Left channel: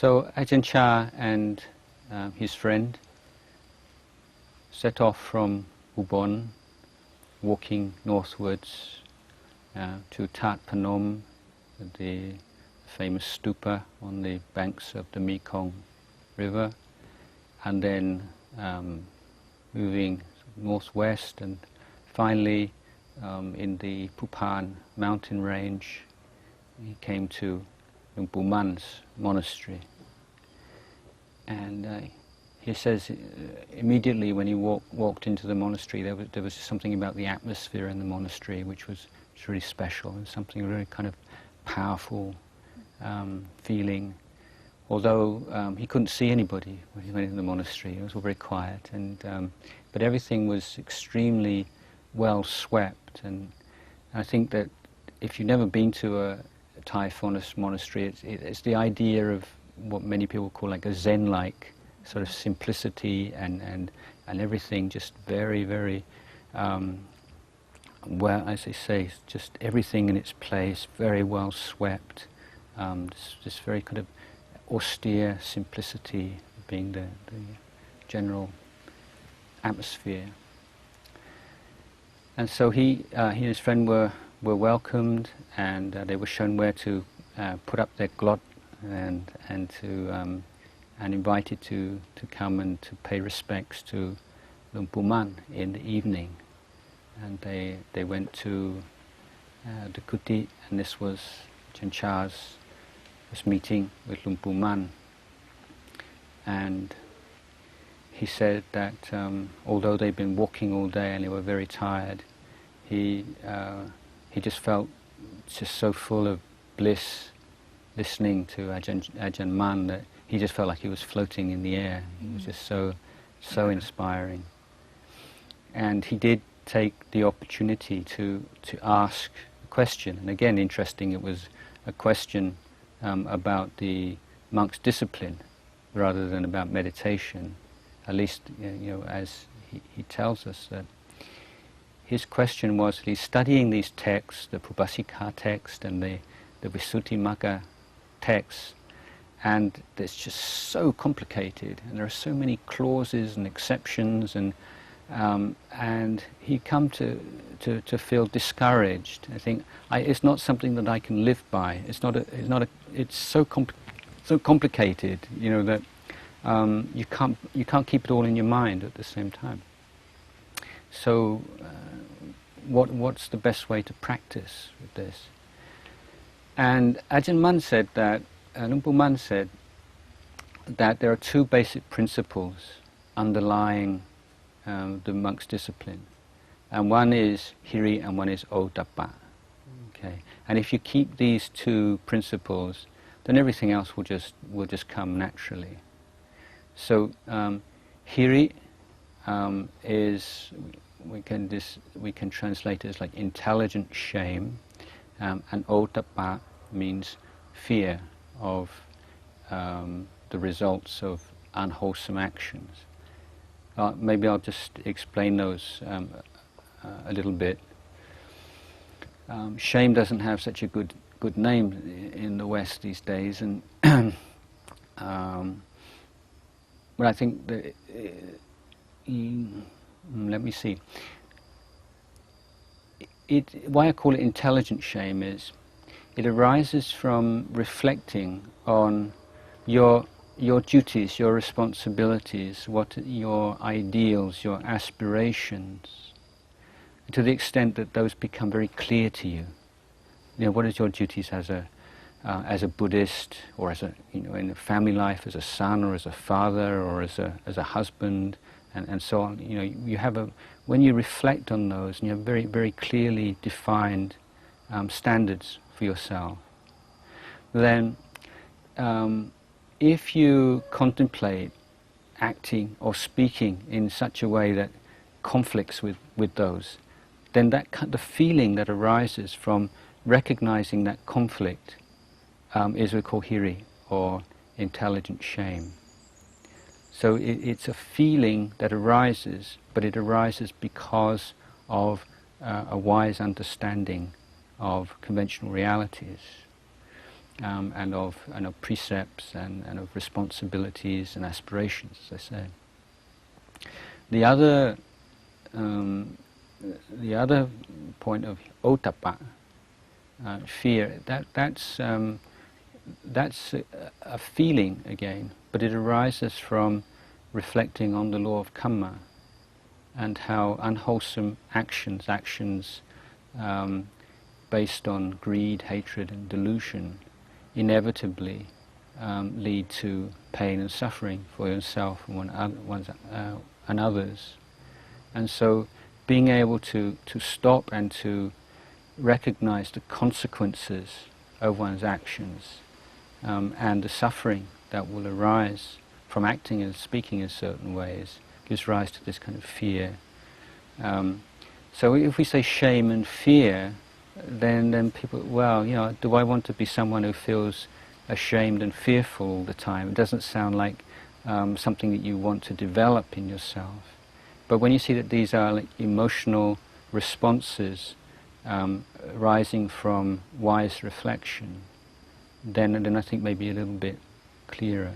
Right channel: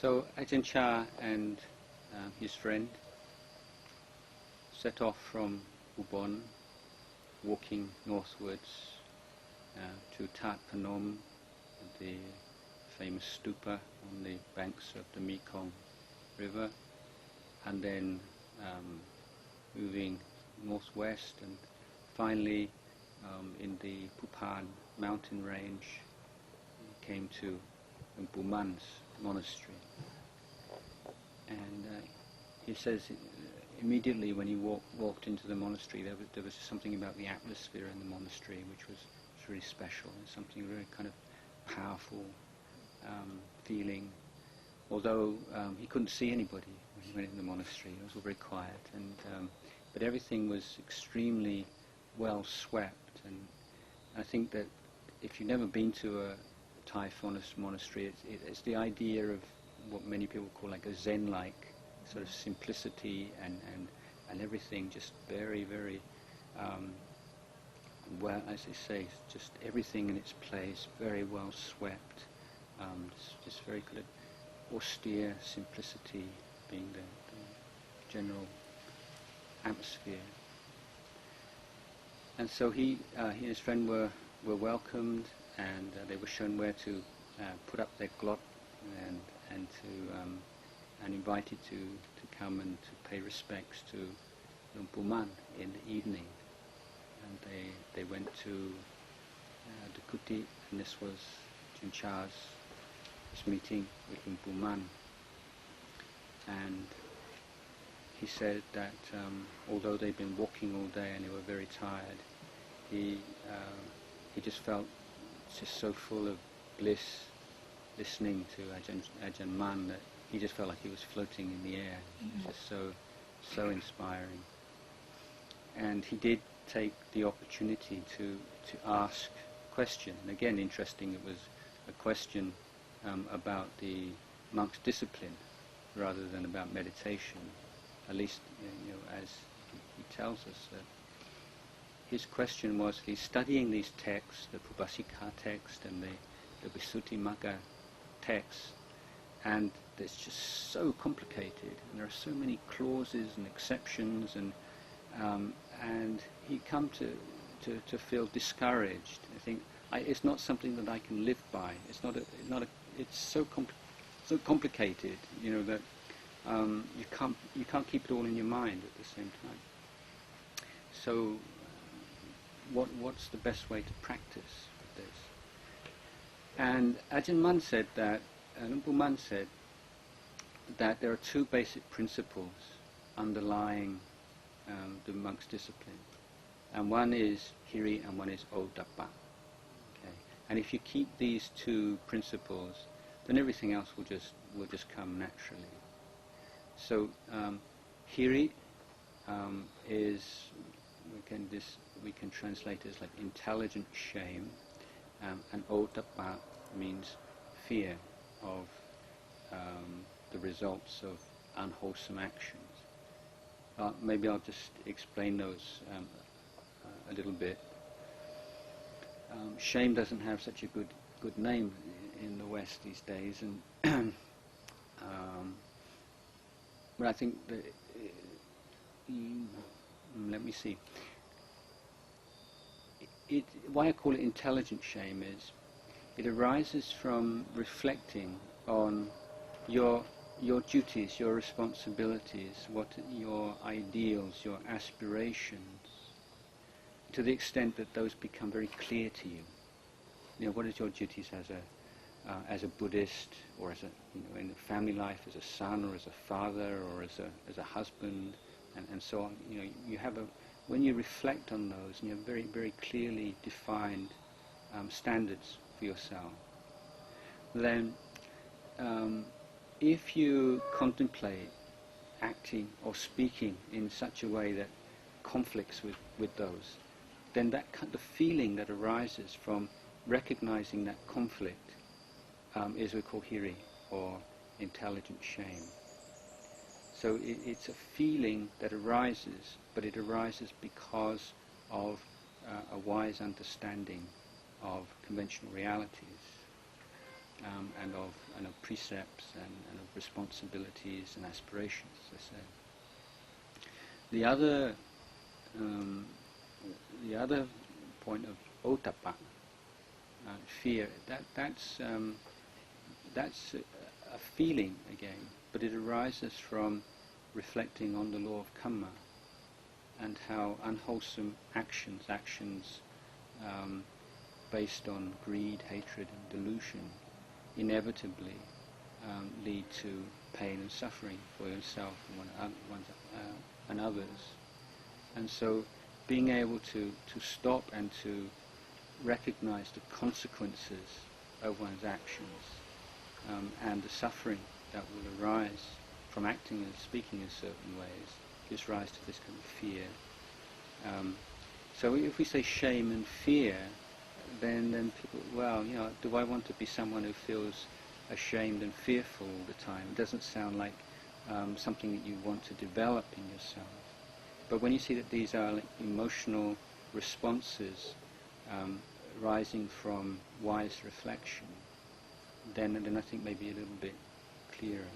So Ajahn Chah and his friend set off from Ubon, walking northwards to Tat Panom, the famous stupa on the banks of the Mekong River, and then moving northwest, and finally in the Pupan mountain range he came to Luang Pu Man's monastery. And he says immediately when he walked into the monastery there was something about the atmosphere in the monastery which was really special, and something really kind of powerful feeling. Although he couldn't see anybody when he went into the monastery, it was all very quiet, and but everything was extremely well swept. And I think that if you've never been to a Thai forest monastery, it's the idea of what many people call like a Zen-like sort of simplicity, and everything just very, very well, as they say, just everything in its place, very well swept. This very kind of austere simplicity being the general atmosphere. And so he and his friend were welcomed, and they were shown where to put up their glot, and invited to come and to pay respects to Luang Pu Man in the evening. And they went to the kuti, and this was Ajahn Chah's meeting with Luang Pu Man. And he said that although they'd been walking all day and they were very tired, he just felt just so full of bliss listening to Ajahn Mun that he just felt like he was floating in the air. He was just so inspiring. And he did take the opportunity to ask a question. And again, interesting, it was a question about the monk's discipline rather than about meditation. At least, as he tells us that his question was, he's studying these texts, the Pubbasika text and the Visuddhimagga text, and it's just so complicated, and there are so many clauses and exceptions, and he come to feel discouraged. I think it's not something that I can live by. It's so complicated, that you can't keep it all in your mind at the same time. So, what's the best way to practice with this? And Ajahn Mun said that, Luang Pu Man said that there are two basic principles underlying the monk's discipline, and one is hiri and one is ottappa. Okay, and if you keep these two principles, then everything else will just come naturally. So hiri is we can translate it as like intelligent shame, and ottappa means fear of the results of unwholesome actions. Maybe I'll just explain those a little bit. Shame doesn't have such a good name in the West these days, and but I think that let me see. Why I call it intelligent shame is it arises from reflecting on your duties, your responsibilities, what your ideals, your aspirations, to the extent that those become very clear to you. What is your duties as a Buddhist, or as in a family life, as a son, or as a father, or as a husband, and so on. You have when you reflect on those, and you have very, very clearly defined standards for yourself, then if you contemplate acting or speaking in such a way that conflicts with those, then the feeling that arises from recognizing that conflict is what we call hiri, or intelligent shame. So it's a feeling that arises, but it arises because of a wise understanding of conventional realities. and of precepts and of responsibilities and aspirations, as I say. The other point of ottappa, fear, that's a feeling again, but it arises from reflecting on the law of karma and how unwholesome actions based on greed, hatred and delusion inevitably lead to pain and suffering for yourself and others. And so being able to stop and to recognize the consequences of one's actions and the suffering that will arise from acting and speaking in certain ways gives rise to this kind of fear. So if we say shame and fear, then people, well, do I want to be someone who feels ashamed and fearful all the time? It doesn't sound like something that you want to develop in yourself. But when you see that these are like emotional responses rising from wise reflection, then I think maybe a little bit clearer.